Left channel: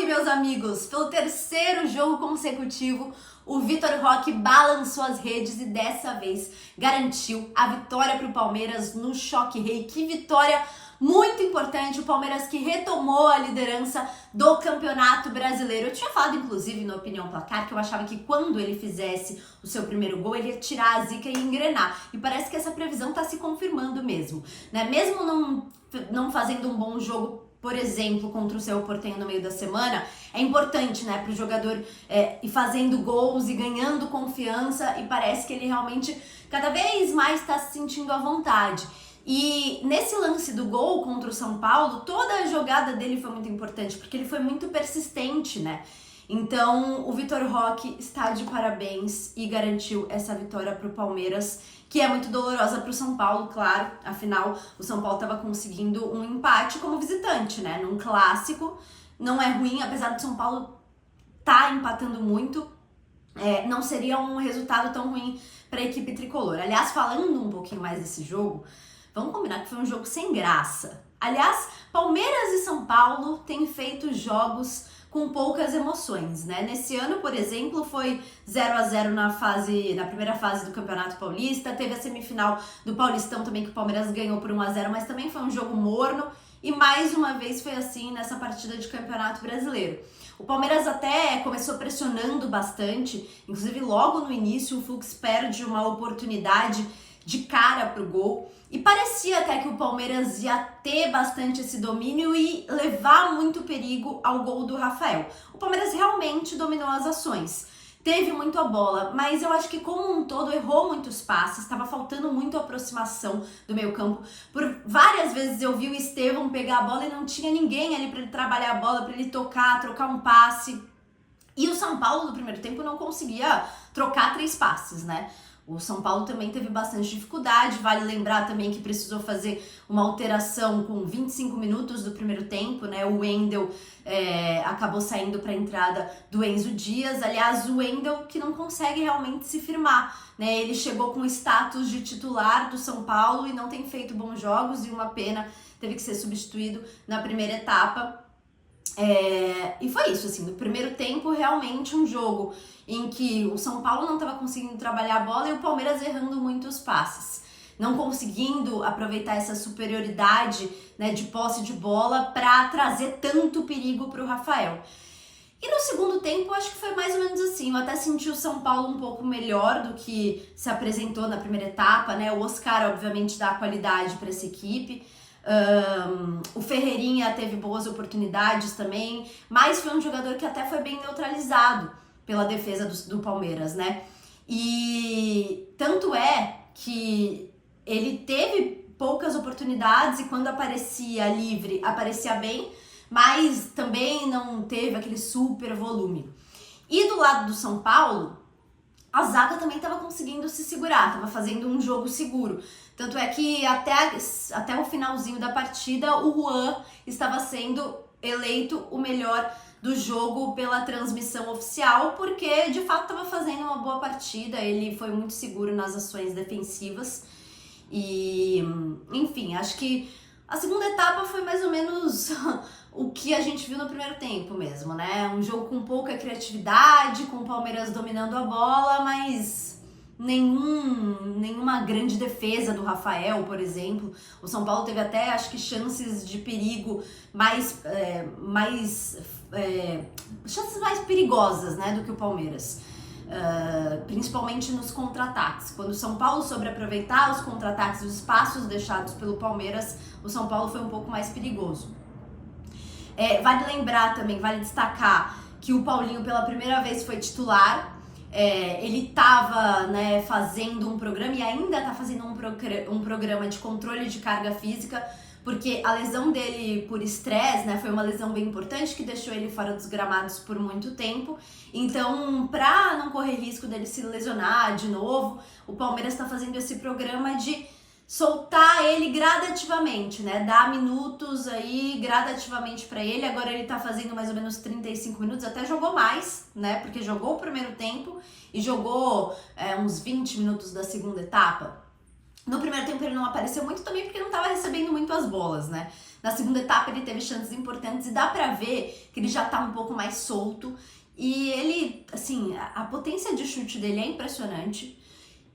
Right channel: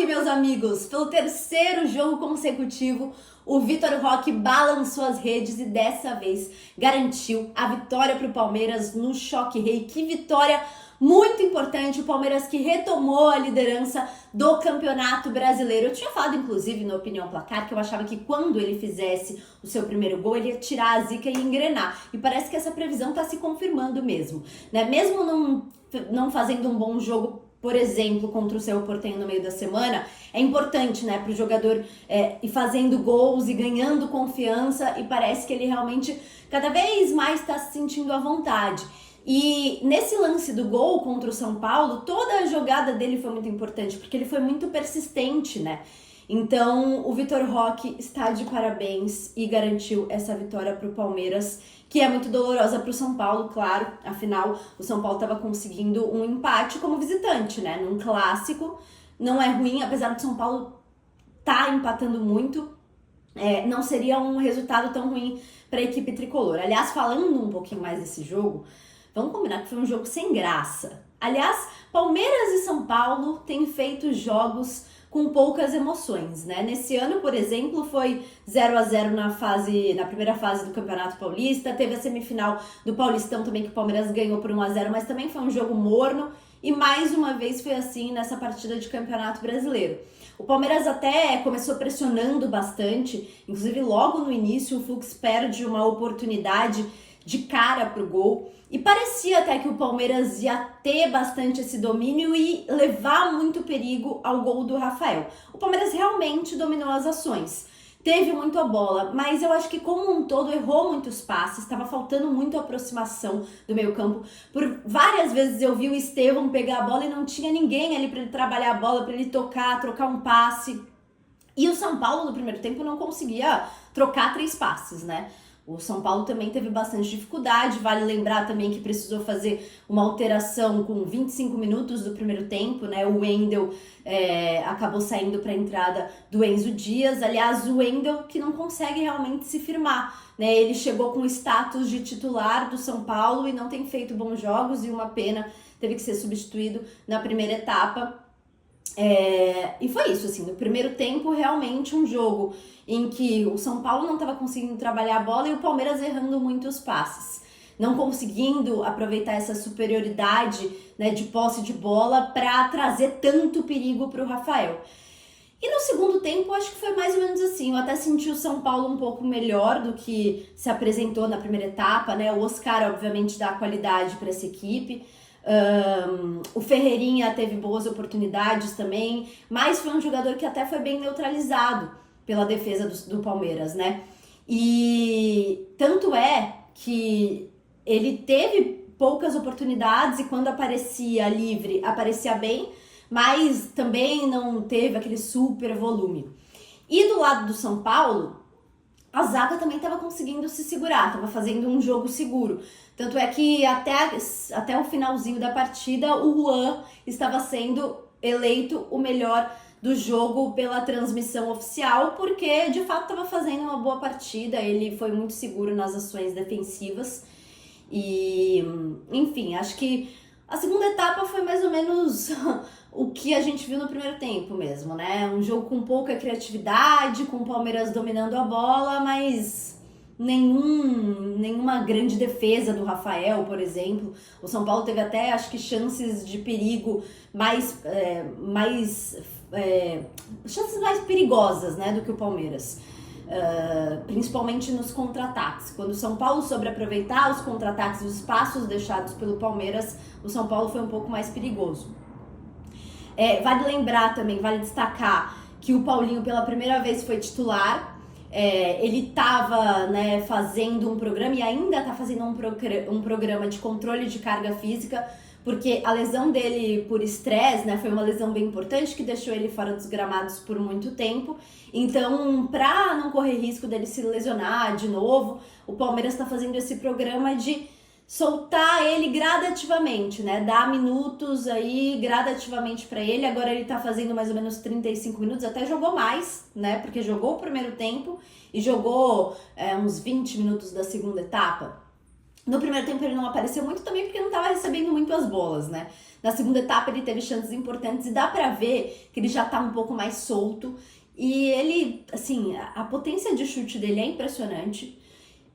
Roque, meus amigos! Pelo terceiro jogo consecutivo, o Vitor Roque balançou as redes e dessa vez garantiu a vitória para o Palmeiras no Choque Rei. Que vitória muito importante! O Palmeiras que retomou a liderança do Campeonato Brasileiro. Eu tinha falado, inclusive, no Opinião Placar, que eu achava que quando ele fizesse o seu primeiro gol, ele ia tirar a zica e engrenar. E parece que essa previsão está se confirmando mesmo, né? Mesmo não fazendo um bom jogo, por exemplo, contra o Cerro Porteño no meio da semana, é importante, né, para o jogador ir fazendo gols e ganhando confiança, e parece que ele realmente cada vez mais está se sentindo à vontade. E nesse lance do gol contra o São Paulo, toda a jogada dele foi muito importante, porque ele foi muito persistente, né? Então, o Vitor Roque está de parabéns e garantiu essa vitória para o Palmeiras, que é muito dolorosa para o São Paulo, claro. Afinal, o São Paulo estava conseguindo um empate como visitante, né? Num clássico, não é ruim, apesar do São Paulo tá empatando muito. Não seria um resultado tão ruim para a equipe tricolor. Aliás, falando um pouquinho mais desse jogo, vamos combinar que foi um jogo sem graça. Aliás, Palmeiras e São Paulo têm feito jogos com poucas emoções, né? Nesse ano, por exemplo, foi 0-0 na primeira fase do Campeonato Paulista, teve a semifinal do Paulistão também, que o Palmeiras ganhou por 1-0, mas também foi um jogo morno, e mais uma vez foi assim nessa partida de Campeonato Brasileiro. O Palmeiras até começou pressionando bastante, inclusive logo no início o Fux perde uma oportunidade de cara pro gol, e parecia até que o Palmeiras ia ter bastante esse domínio e levar muito perigo ao gol do Rafael. O Palmeiras realmente dominou as ações, teve muito a bola, mas eu acho que como um todo errou muitos passes, estava faltando muito aproximação do meio campo. Por várias vezes eu vi o Estevão pegar a bola e não tinha ninguém ali para ele trabalhar a bola, para ele tocar, trocar um passe. E o São Paulo no primeiro tempo não conseguia trocar 3 passes, né? O São Paulo também teve bastante dificuldade, vale lembrar também que precisou fazer uma alteração com 25 minutos do primeiro tempo, né? O Wendel acabou saindo para a entrada do Enzo Dias. Aliás, o Wendel que não consegue realmente se firmar, né? Ele chegou com o status de titular do São Paulo e não tem feito bons jogos, e uma pena, teve que ser substituído na primeira etapa. E foi isso, assim, no primeiro tempo realmente um jogo em que o São Paulo não estava conseguindo trabalhar a bola e o Palmeiras errando muitos passes, não conseguindo aproveitar essa superioridade, né, de posse de bola para trazer tanto perigo para o Rafael. E no segundo tempo, acho que foi mais ou menos assim. Eu até senti o São Paulo um pouco melhor do que se apresentou na primeira etapa, né? O Oscar, obviamente, dá qualidade para essa equipe. O Ferreirinha teve boas oportunidades também, mas foi um jogador que até foi bem neutralizado pela defesa do Palmeiras, né? E tanto é que ele teve poucas oportunidades e quando aparecia livre, aparecia bem, mas também não teve aquele super volume. E do lado do São Paulo, a zaga também estava conseguindo se segurar, estava fazendo um jogo seguro. Tanto é que até o finalzinho da partida, o Juan estava sendo eleito o melhor do jogo pela transmissão oficial, porque de fato estava fazendo uma boa partida, ele foi muito seguro nas ações defensivas. E, enfim, acho que a segunda etapa foi mais ou menos o que a gente viu no primeiro tempo mesmo, né? Um jogo com pouca criatividade, com o Palmeiras dominando a bola, mas nenhuma grande defesa do Rafael, por exemplo. O São Paulo teve até, acho que, chances de perigo chances mais perigosas, né, do que o Palmeiras. Principalmente nos contra-ataques. Quando o São Paulo soube aproveitar os contra-ataques, os espaços deixados pelo Palmeiras, o São Paulo foi um pouco mais perigoso. Vale lembrar também, vale destacar que o Paulinho pela primeira vez foi titular. Ele estava, né, fazendo um programa e ainda está fazendo um programa de controle de carga física, porque a lesão dele por estresse, né, foi uma lesão bem importante que deixou ele fora dos gramados por muito tempo. Então, para não correr risco dele se lesionar de novo, o Palmeiras está fazendo esse programa de soltar ele gradativamente, né? Dar minutos aí gradativamente para ele. Agora ele tá fazendo mais ou menos 35 minutos, até jogou mais, né? Porque jogou o primeiro tempo e jogou uns 20 minutos da segunda etapa. No primeiro tempo ele não apareceu muito também porque não estava recebendo muito as bolas, né? Na segunda etapa ele teve chances importantes e dá pra ver que ele já tá um pouco mais solto. E ele, assim, a potência de chute dele é impressionante.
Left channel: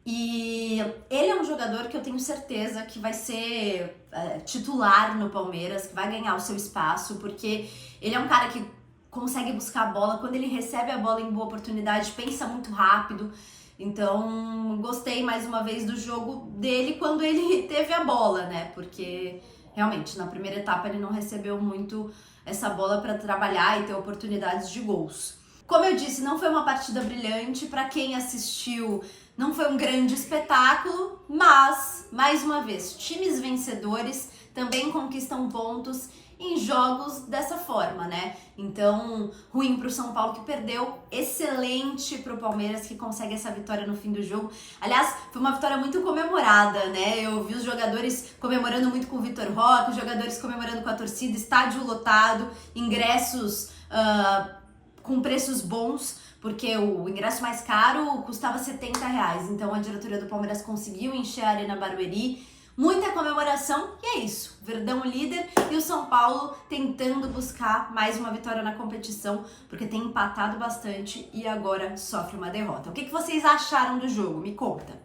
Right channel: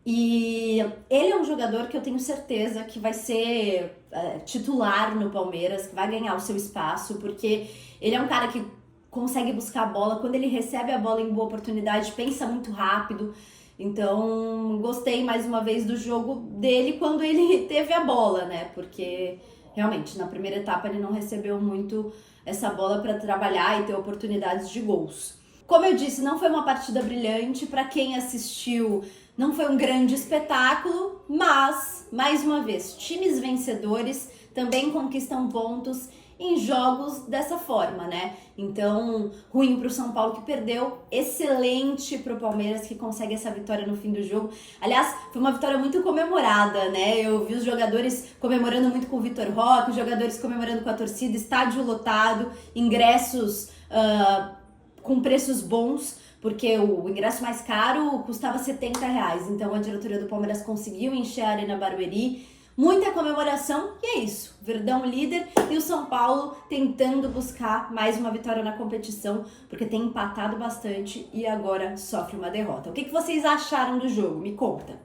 E ele é um jogador que eu tenho certeza que vai ser titular no Palmeiras, que vai ganhar o seu espaço, porque ele é um cara que consegue buscar a bola, quando ele recebe a bola em boa oportunidade, pensa muito rápido. Então, gostei mais uma vez do jogo dele quando ele teve a bola, né? Porque realmente na primeira etapa ele não recebeu muito essa bola para trabalhar e ter oportunidades de gols. Como eu disse, não foi uma partida brilhante para quem assistiu. Não foi um grande espetáculo, mas, mais uma vez, times vencedores também conquistam pontos em jogos dessa forma, né? Então, ruim para o São Paulo que perdeu, excelente para o Palmeiras que consegue essa vitória no fim do jogo. Aliás, foi uma vitória muito comemorada, né? Eu vi os jogadores comemorando muito com o Vitor Roque, os jogadores comemorando com a torcida, estádio lotado, ingressos com preços bons, porque o ingresso mais caro custava R$ 70. Então a diretoria do Palmeiras conseguiu encher a Arena Barueri. Muita comemoração e é isso. Verdão líder e o São Paulo tentando buscar mais uma vitória na competição, porque tem empatado bastante e agora sofre uma derrota. O que vocês acharam do jogo? Me conta.